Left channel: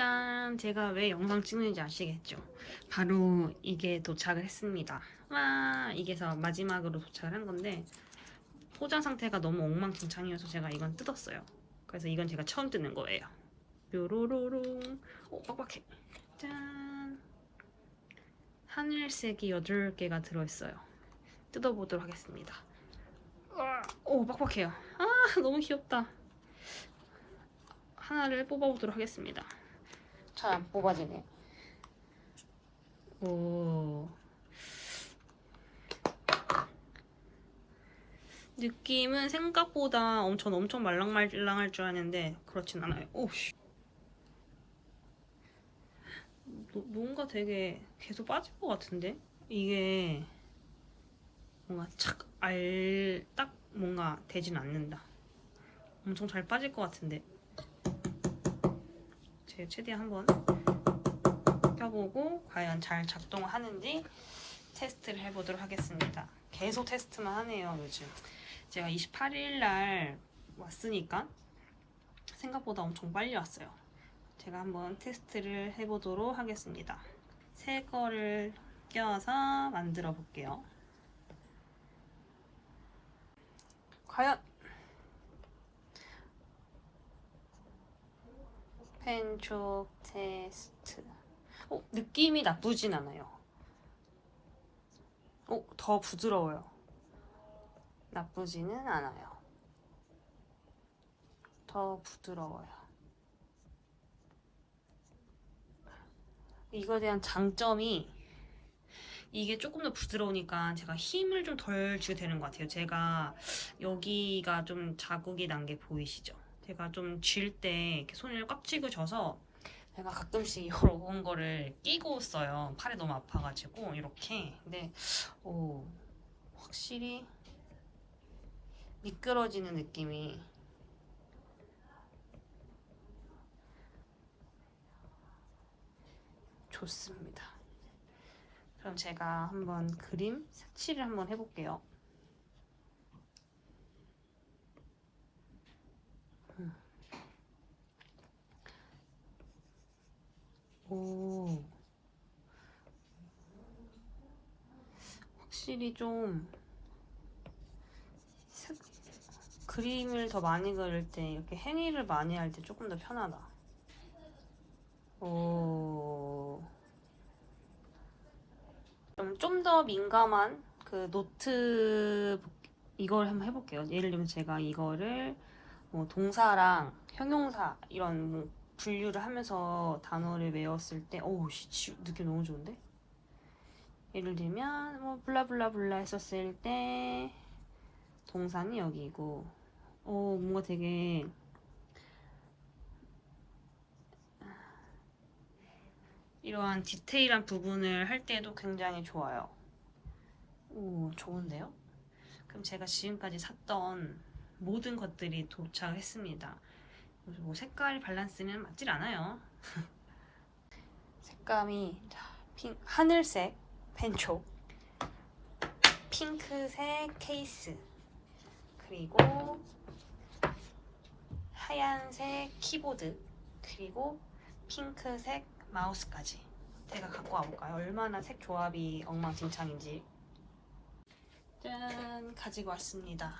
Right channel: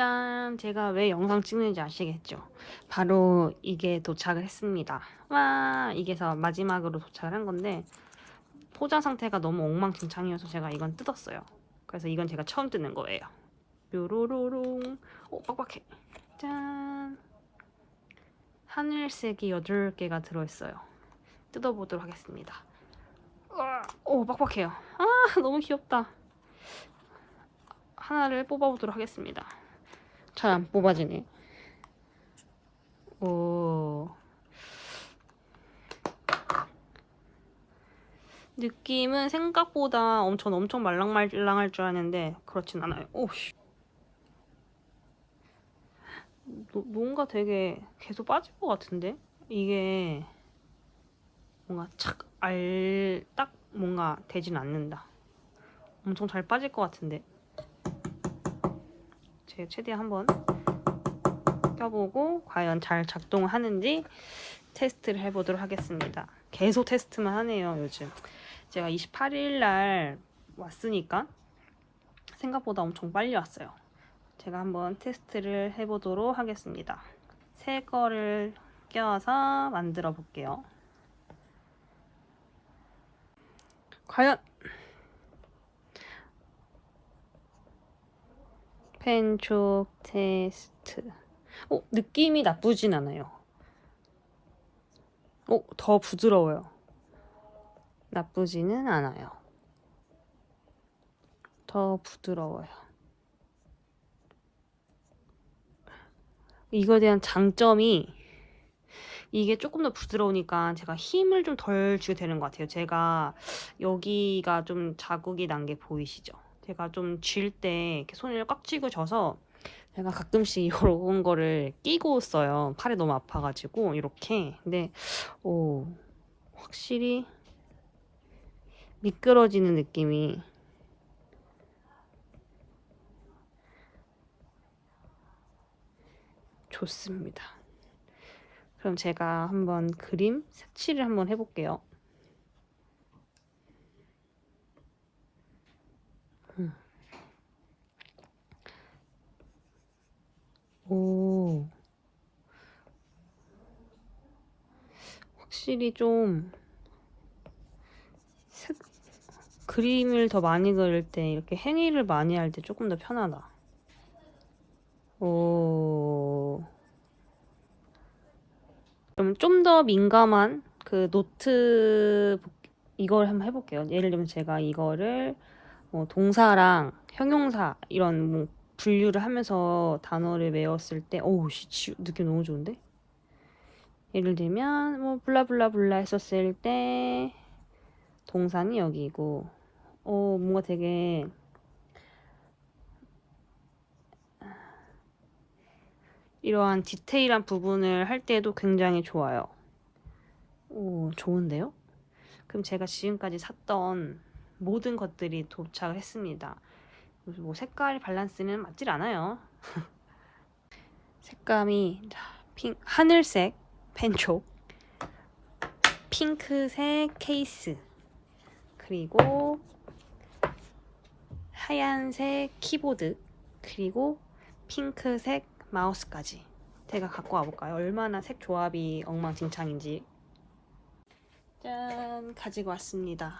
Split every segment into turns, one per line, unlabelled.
짠! 제가 왜 영상 찍는지 아시겠죠? 바로 이게 도착을 했습니다. 와! 이게서 마지막으로 도착을 한 건데 포장 상태가 너무 엉망진창이어서 제가 이건 뜯었어요. 그래서 이건 제가 처음 뜯는 거예요. 뾰로로롱. 오, 빡빡해. 짠! 하늘색이 8개가 들어있어요. 뜯어보도록 하겠습니다. 우와, 오, 빡빡해요. 아, 너무 귀엽다. 하나를 뽑아보도록 하겠습니다. 잘 안 뽑아지네. 오. 느낌은 생각보다 엄청 엄청 말랑말랑할 줄 알았는데 그렇진 않아요. 오씨. 노- 뭔가 되게 계속 빠질 것 같은데 이게 뭔가 착 알 딱 뭔가 되진 않는다. 엄청 잘 빠질 것 같은데. 제가 최대한 한번 껴보고 과연 잘 작동하는지 테스트를 해보도록 하겠습니다. 계속 테스트만 하네요, 요즘. 제가 28일 날 왔으니까 생각보다 엄청 빨리 왔어요. 제가 한번 테스트를 해보도록 하겠습니다. 새 거를 껴서 만들어 볼게요. 과연 펜촉 테스트. 어, 느낌이 나쁘진 않아요. 어, 더 부드러워요. 나쁘지는 않아요. 더 부드러워요. 이거에 대한 장점이 이게 조금 더 부드러우니까 제가 힘을 좀 덜 주게 되는 것 같아요. 제가 여기가 좀 자국이 난 게 보이시죠? 제가 좀 쥘 때 이렇게 손을 꽉 쥐고 져서 제가 가끔씩 이런 거를 끼고 써요. 팔이 너무 아파가지고 이렇게. 근데 오 확실히 미끄러지는 느낌이 좋습니다. 그럼 제가 한번 그림 색칠을 한번 해볼게요. 음. 오. 확실히 좀 색, 그림을 더 많이 그릴 때 이렇게 행위를 많이 할 때 조금 더 편하다. 오. 그럼 좀 더 민감한 그 노트 이걸 한번 해볼게요. 예를 들면 제가 이거를 뭐 동사랑 형용사 이런 뭐 분류를 하면서 단어를 외웠을 때 오우 씨 지- 느낌 너무 좋은데? 예를 들면 뭐 블라블라블라 했었을 때 동사는 여기고 어 뭔가 되게 이러한 디테일한 부분을 할 때도 굉장히 좋아요. 오, 좋은데요? 그럼 제가 지금까지 샀던 모든 것들이 도착을 했습니다. 그래서 뭐 색깔 밸런스는 맞질 않아요. 색감이 자, 핑, 하늘색 펜촉, 핑크색 케이스, 그리고 하얀색 키보드, 그리고 핑크색 마우스까지 제가 갖고 와볼까요? 얼마나 색 조합이 엉망진창인지 짠 가지고 왔습니다.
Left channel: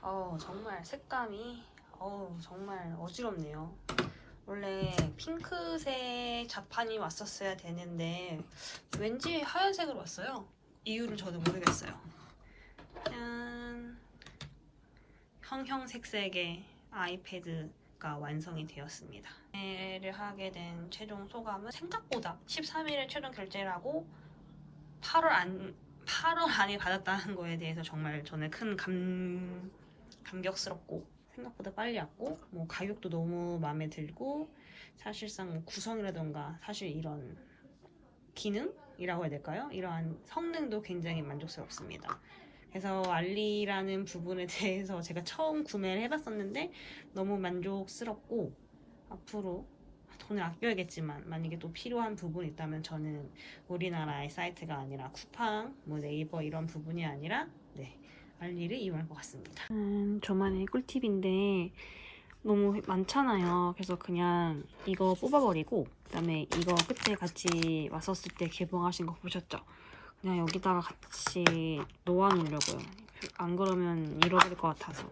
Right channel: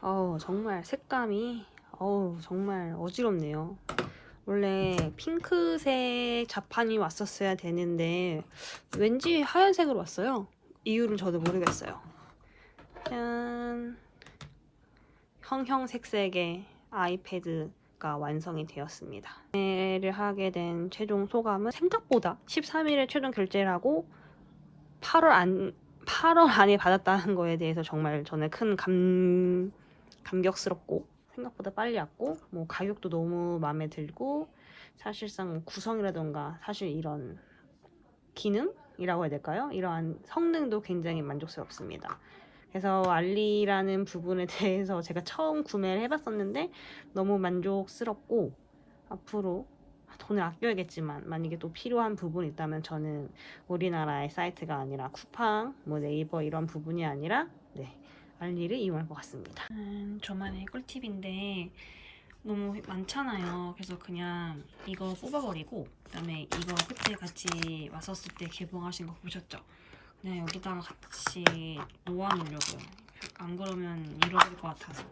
어우 정말 색감이 어우 정말 어지럽네요. 원래 핑크색 자판이 왔었어야 되는데 왠지 하얀색으로 왔어요. 이유는 저도 모르겠어요. 짠 형형색색의 아이패드가 완성이 되었습니다. 구매를 하게 된 최종 소감은 생각보다 13일에 최종 결제를 하고 8월 안 8월 안에 받았다는 거에 대해서 정말 저는 큰 감, 감격스럽고 생각보다 빨리 왔고 뭐 가격도 너무 마음에 들고 사실상 뭐 구성이라던가 사실 이런 기능이라고 해야 될까요? 이러한 성능도 굉장히 만족스럽습니다. 그래서 알리라는 부분에 대해서 제가 처음 구매를 해봤었는데 너무 만족스럽고 앞으로 돈을 아껴야겠지만 만약에 또 필요한 부분이 있다면 저는 우리나라의 사이트가 아니라 쿠팡, 뭐 네이버 이런 부분이 아니라 네 알리를 이용할 것 같습니다. 음, 저만의 꿀팁인데 너무 많잖아요. 그래서 그냥 이거 뽑아버리고 그다음에 이거 그때 같이 왔었을 때 개봉하신 거 보셨죠? 그냥 여기다가 같이 놓아놓으려고요. 안 그러면 잃어버릴 것 같아서.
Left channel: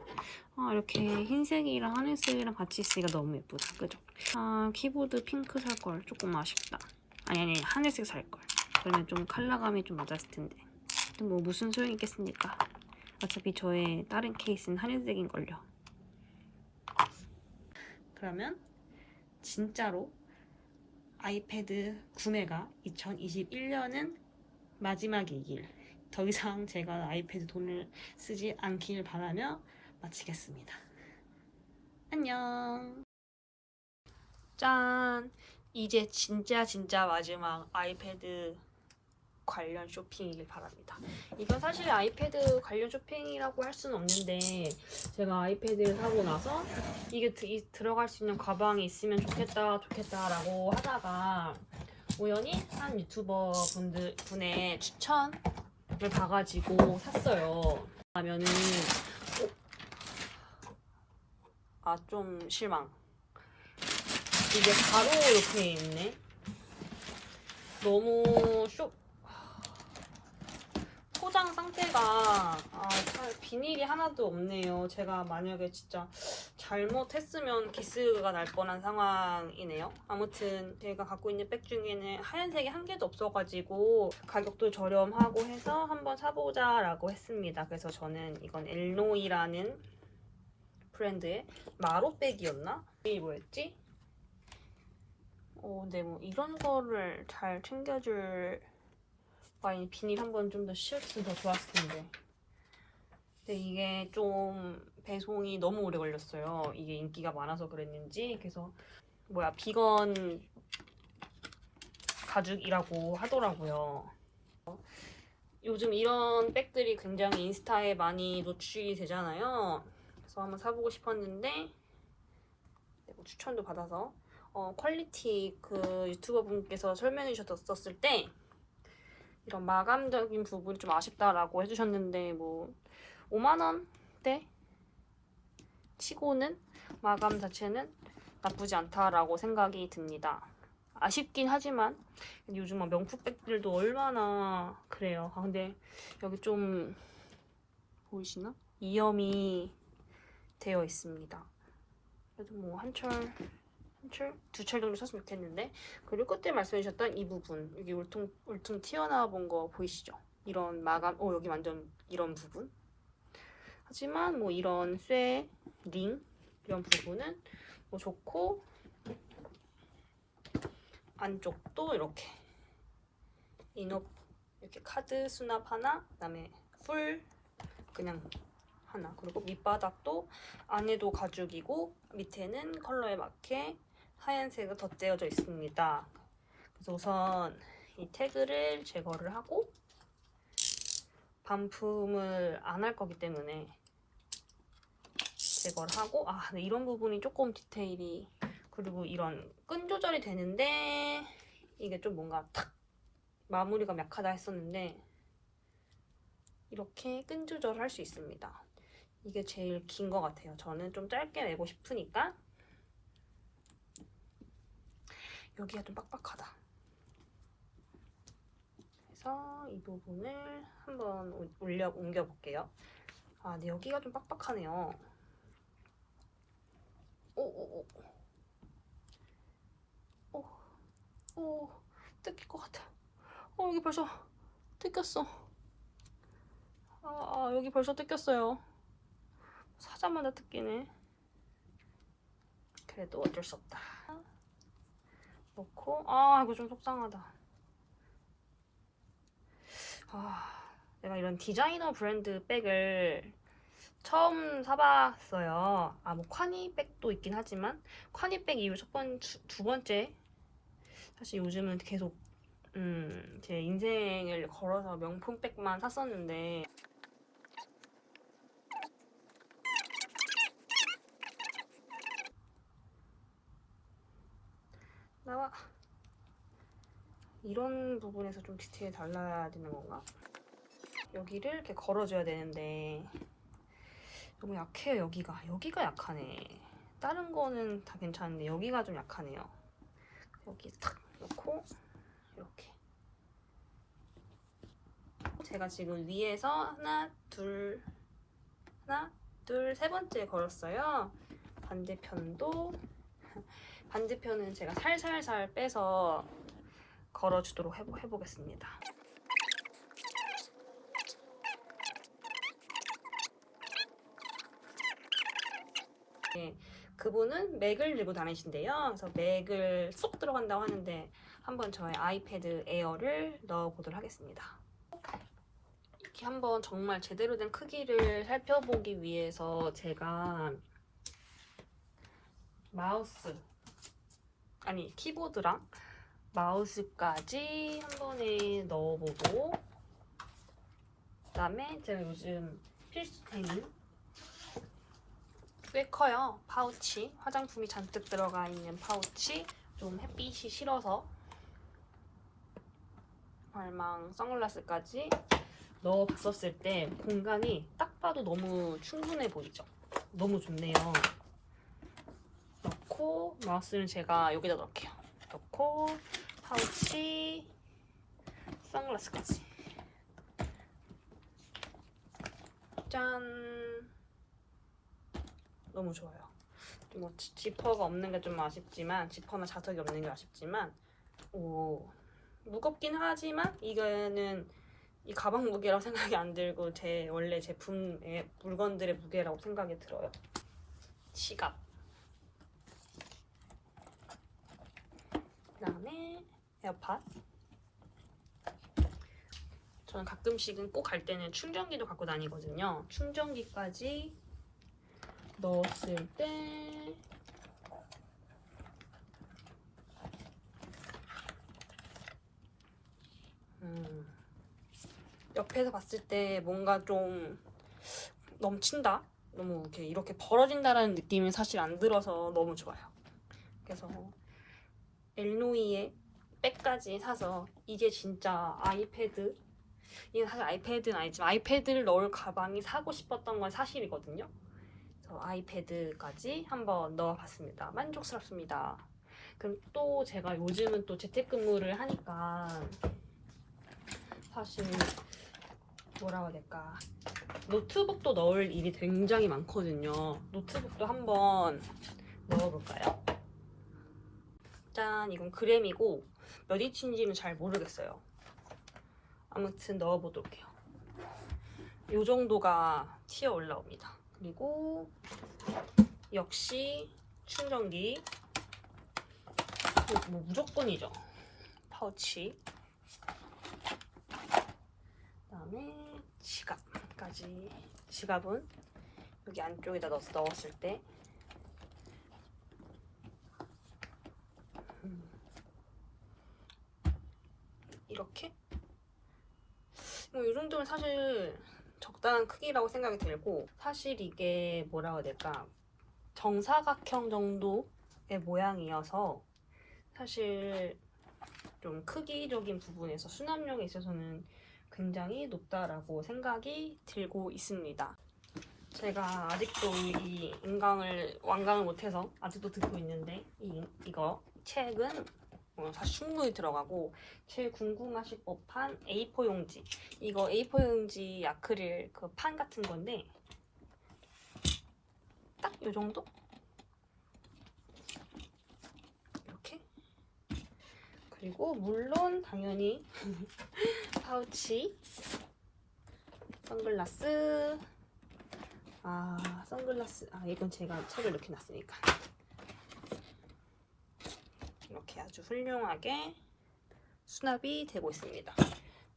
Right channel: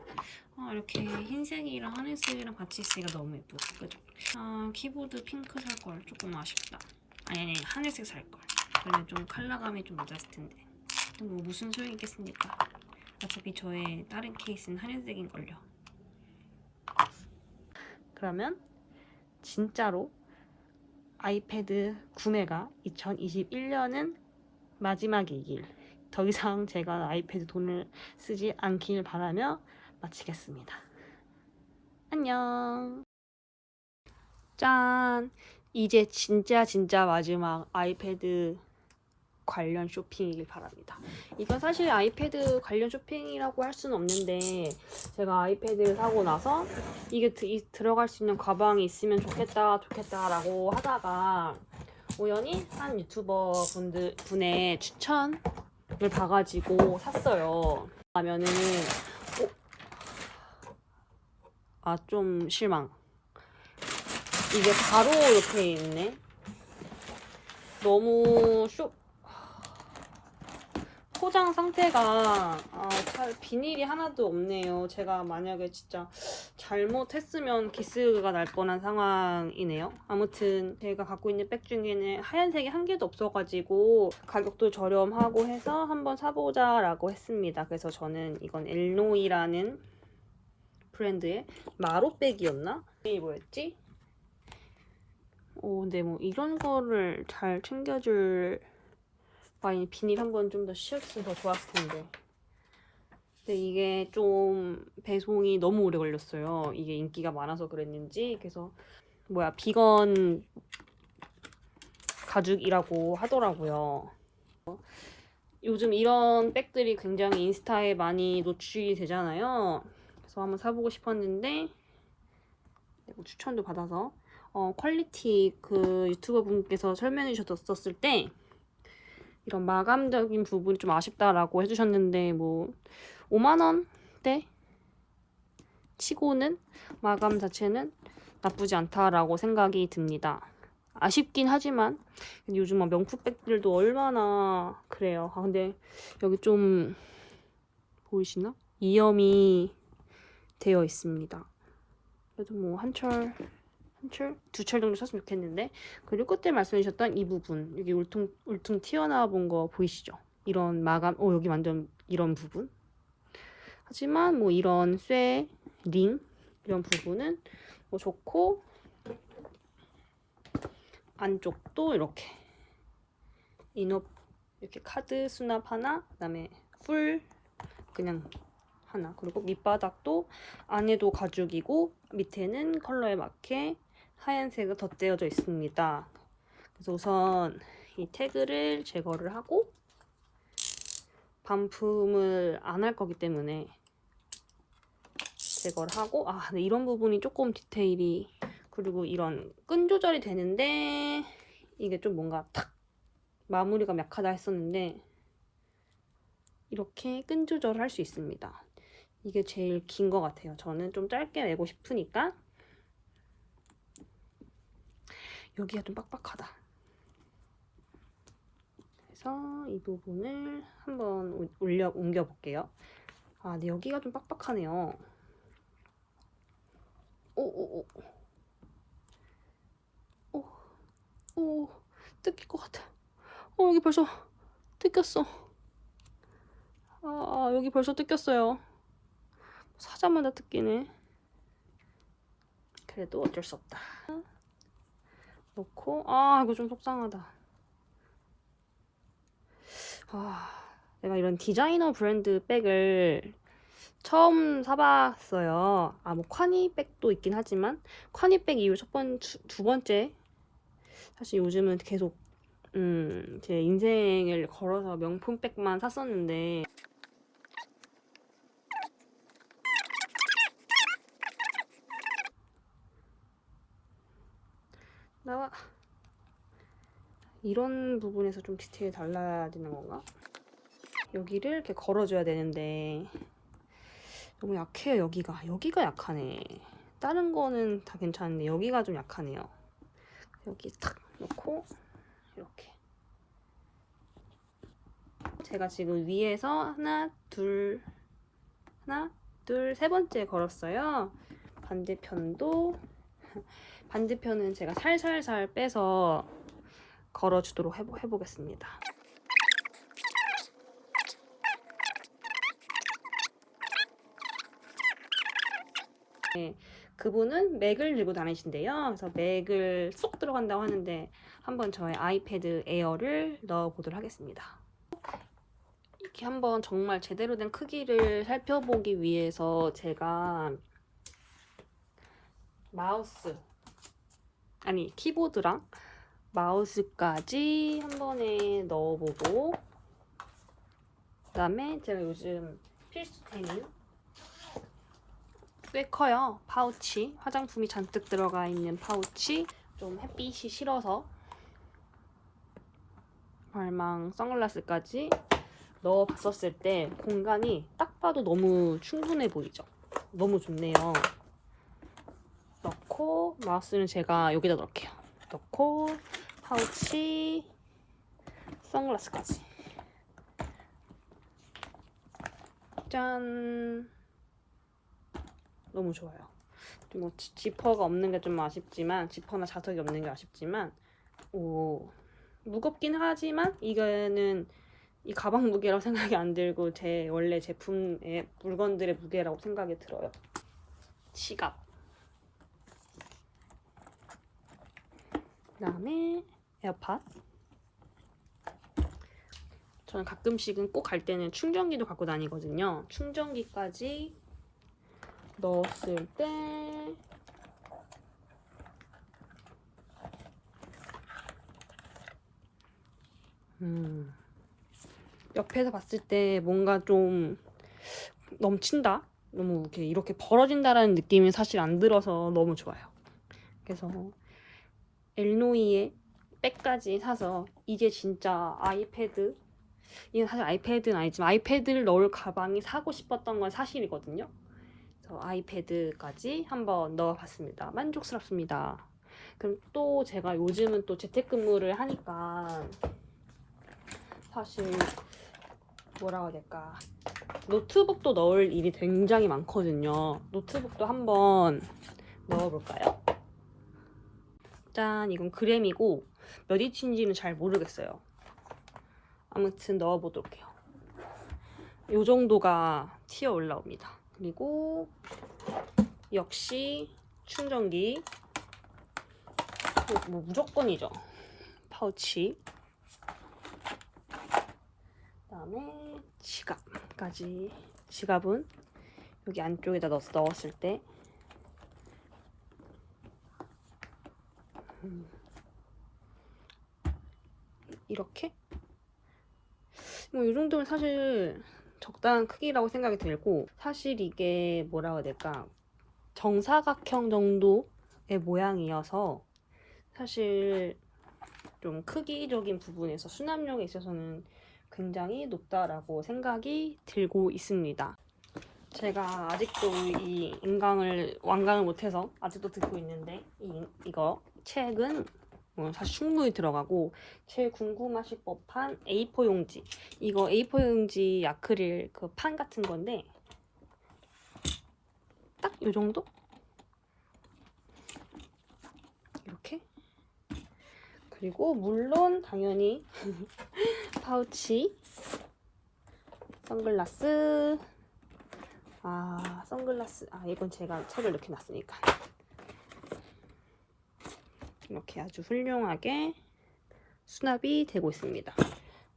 아, 이렇게 흰색이랑 하늘색이랑 같이 있으니까 너무 예쁘다. 그죠? 아, 키보드 핑크 살 걸. 조금 아쉽다. 아니, 아니, 하늘색 살 걸. 그러면 좀 컬러감이 좀 맞았을 텐데. 또뭐 무슨 소용이 있겠습니까? 어차피 저의 다른 케이스는 하늘색인걸요. 그러면 진짜로 아이패드 구매가 2021년은 마지막이길 더 이상 제가 아이패드 돈을 쓰지 않길 바라며 마치겠습니다. 안녕. 짠. 이제 진짜 진짜 마지막 아이패드 관련 쇼핑이길 바랍니다. 이건 사실 아이패드 관련 쇼핑이라고 할 수는 없는데 제가 아이패드를 사고 나서 이게 드- 이- 들어갈 수 있는 가방이 있으면 좋겠다 좋겠다라고 하다가 우연히 한 유튜버 분들 분의 추천을 봐가지고 샀어요. 하면은 아 좀 실망. 이게 바로 이렇게 있네. 너무 쇼 포장 상태가 아, 잘 비닐이 하나도 없네요. 제가 만약에 진짜 잘못했으면 기스가 날 뻔한 상황이네요. 아무튼 제가 갖고 있는 백 중에는 하얀색이 한 개도 없어가지고 가격도 저렴하고 해서 한번 사보자라고 했습니다. 그래서 저는 이건 엘노이라는 브랜드의 마로백이었나? 이름이 뭐였지? 어, 근데 뭐 이런 거를 잘 챙겨줄 아니 비닐 한번좀더 씌웠으면 더 좋았을 텐데. 근데 이게 좀 배송이 너무 오래 걸렸어요. 이게 인기가 많아서 그랬는지. 그래서 뭐야 비건 가죽이라고 하더라고요. 요즘 이런 백들이 굉장히 인스타에 많이 노출이 되잖아요. 그래서 한번 사보고 싶었는데 뭐 추천도 받아서 어, 퀄리티 그 유튜버 분께서 설명해 주셨었을 때 이런 마감적인 부분이 좀 아쉽다라고 해주셨는데 뭐 5만 원대 치고는 마감 자체는 나쁘지 않다라고 생각이 듭니다. 아쉽긴 하지만 요즘 막 명품백들도 얼마나 그래요. 아, 근데 여기 좀 보이시나? 이염이 되어 있습니다. 그래도 뭐 한철 한철 두 철 정도 썼으면 좋겠는데. 그리고 그때 말씀해주셨던 이 부분 여기 울퉁 울퉁 튀어나온 거 보이시죠? 이런 마감 오 여기 완전 이런 부분. 하지만 뭐 이런 쇠, 링 이런 부분은 뭐 좋고 안쪽도 이렇게 인업 이렇게 카드 수납 하나 그다음에 풀 그냥 하나. 그리고 밑바닥도 안에도 가죽이고 밑에는 컬러에 맞게 하얀색으로 덧대어져 있습니다. 그래서 우선 이 태그를 제거를 하고 반품을 안 할 거기 때문에 제거를 하고 아 근데 이런 부분이 조금 디테일이 그리고 이런 끈 조절이 되는데 이게 좀 뭔가 탁 마무리가 약하다 했었는데 이렇게 끈 조절을 할 수 있습니다. 이게 제일 긴 것 같아요. 저는 좀 짧게 내고 싶으니까 여기가 좀 빡빡하다. 그래서 이 부분을 한번 올려 옮겨 볼게요. 아, 근데 여기가 좀 빡빡하네요. 오오오. 오. 오. 뜯길 것 같아. 어, 여기 벌써 뜯겼어. 아, 여기 벌써 뜯겼어요. 사자마자 뜯기네. 그래도 어쩔 수 없다. 놓고 아 이거 좀 속상하다. 아 내가 이런 디자이너 브랜드 백을 처음 사봤어요. 아뭐 콰니 백도 있긴 하지만 콰니 백 이후 첫 번 두 번째 사실 요즘은 계속 음, 제 인생을 걸어서 명품 백만 샀었는데 나와 이런 부분에서 좀 디테일이 달라야 되는 건가? 여기를 이렇게 걸어줘야 되는데 너무 약해요 여기가 여기가 약하네 다른 거는 다 괜찮은데 여기가 좀 약하네요. 여기 탁 놓고 이렇게 제가 지금 위에서 하나 둘 하나 둘 세 번째 걸었어요. 반대편도 반대편은 제가 살살살 빼서 걸어주도록 해보, 해보겠습니다. 네, 그분은 맥을 들고 다니신대요. 그래서 맥을 쏙 들어간다고 하는데 한번 저의 아이패드 에어를 넣어보도록 하겠습니다. 이렇게 한번 정말 제대로 된 크기를 살펴보기 위해서 제가 마우스 아니 키보드랑 마우스까지 한 번에 넣어보고 그 다음에 제가 요즘 필수템인 꽤 커요. 파우치. 화장품이 잔뜩 들어가 있는 파우치. 좀 햇빛이 싫어서 발망 선글라스까지 넣어봤었을 때 공간이 딱 봐도 너무 충분해 보이죠? 너무 좋네요. 넣고 마우스는 제가 여기다 넣을게요. 넣고 파우치 선글라스까지. 짠. 너무 좋아요. 뭐 지- 지퍼가 없는 게 좀 아쉽지만 지퍼나 자석이 없는 게 아쉽지만 오 무겁긴 하지만 이거는 이 가방 무게라고 생각이 안 들고 제 원래 제품의 물건들의 무게라고 생각이 들어요. 지갑. 그다음에 에어팟? 저는 가끔씩은 꼭 갈 때는 충전기도 갖고 다니거든요. 충전기까지 넣었을 때 음, 옆에서 봤을 때 뭔가 좀 넘친다? 너무 이렇게, 이렇게 벌어진다라는 느낌이 사실 안 들어서 너무 좋아요. 그래서 엘노이의 백까지 사서 이제 진짜 아이패드 이게 사실 아이패드는 아니지만 아이패드를 넣을 가방이 사고 싶었던 건 사실이거든요. 그래서 아이패드까지 한번 넣어봤습니다. 만족스럽습니다. 그럼 또 제가 요즘은 또 재택근무를 하니까 사실 뭐라고 해야 될까 노트북도 넣을 일이 굉장히 많거든요. 노트북도 한번 넣어볼까요? 짠 이건 그램이고 몇 인치인지는 잘 모르겠어요. 아무튼 넣어보도록 해요. 이 정도가 튀어 올라옵니다. 그리고 역시 충전기 뭐 무조건이죠. 파우치. 그다음에 지갑까지. 지갑은 여기 안쪽에다 넣어서 넣었을 때 이렇게 뭐 이 정도면 사실 적당한 크기라고 생각이 들고 사실 이게 뭐라고 해야 될까 정사각형 정도의 모양이어서 사실 좀 크기적인 부분에서 수납력에 있어서는 굉장히 높다라고 생각이 들고 있습니다. 제가 아직도 이 인강을 완강을 못해서 아직도 듣고 있는데 이, 이거 책은 어, 사실 충분히 들어가고 제일 궁금하실 법한 A4 용지. 이거 A4 용지 아크릴 그 판 같은 건데 딱 이 정도? 이렇게? 그리고 물론 당연히 파우치 선글라스. 아 선글라스. 아 이건 제가 책을 이렇게 놨으니까 이렇게 아주 훌륭하게 수납이 되고 있습니다.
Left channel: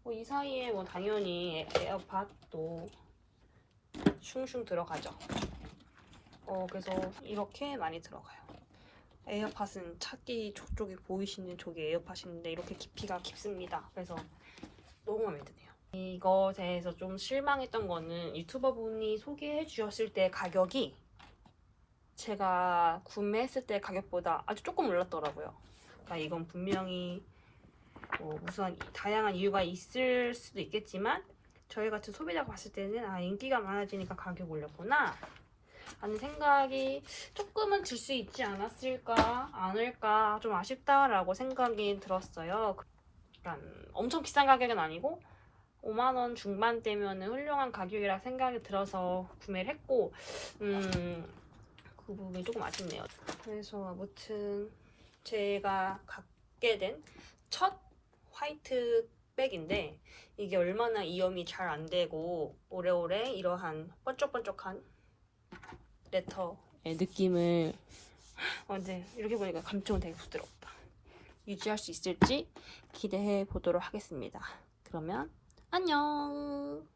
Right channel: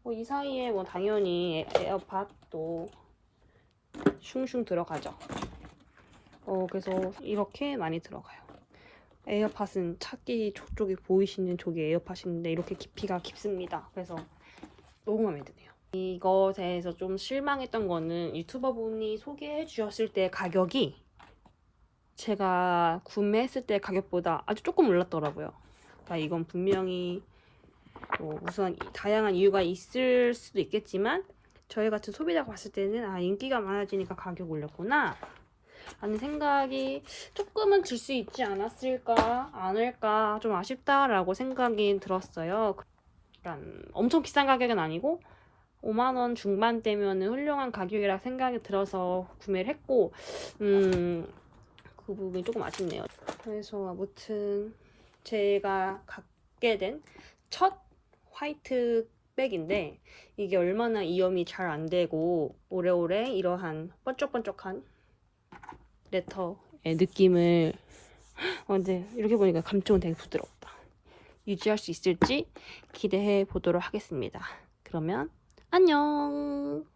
뭐 이 사이에 뭐 당연히 에어팟도 슝슝 들어가죠. 어, 그래서 이렇게 많이 들어가요. 에어팟은 찾기 저쪽에 보이시는 저기 에어팟인데 이렇게 깊이가 깊습니다. 그래서 너무 마음에 드네요. 이것에 대해서 좀 실망했던 거는 유튜버분이 소개해 주셨을 때 가격이 제가 구매했을 때 가격보다 아주 조금 올랐더라고요. 그러니까 이건 분명히 뭐 우선 다양한 이유가 있을 수도 있겠지만 저희 같은 소비자가 봤을 때는 아 인기가 많아지니까 가격 올렸구나 하는 생각이 조금은 들 수 있지 않았을까 않을까 좀 아쉽다라고 생각이 들었어요. 그러니까 엄청 비싼 가격은 아니고 5만 원 중반대면 훌륭한 가격이라 생각이 들어서 구매를 했고 음, 그 부분이 조금 아쉽네요. 그래서 아무튼 제가 갖게 된 첫 화이트 백인데 이게 얼마나 이염이 잘 안 되고 오래오래 이러한 번쩍번쩍한 레터의 느낌을 어, 근데 이렇게 보니까 감촉은 되게 부드럽다. 유지할 수 있을지 기대해 보도록 하겠습니다. 그러면 안녕.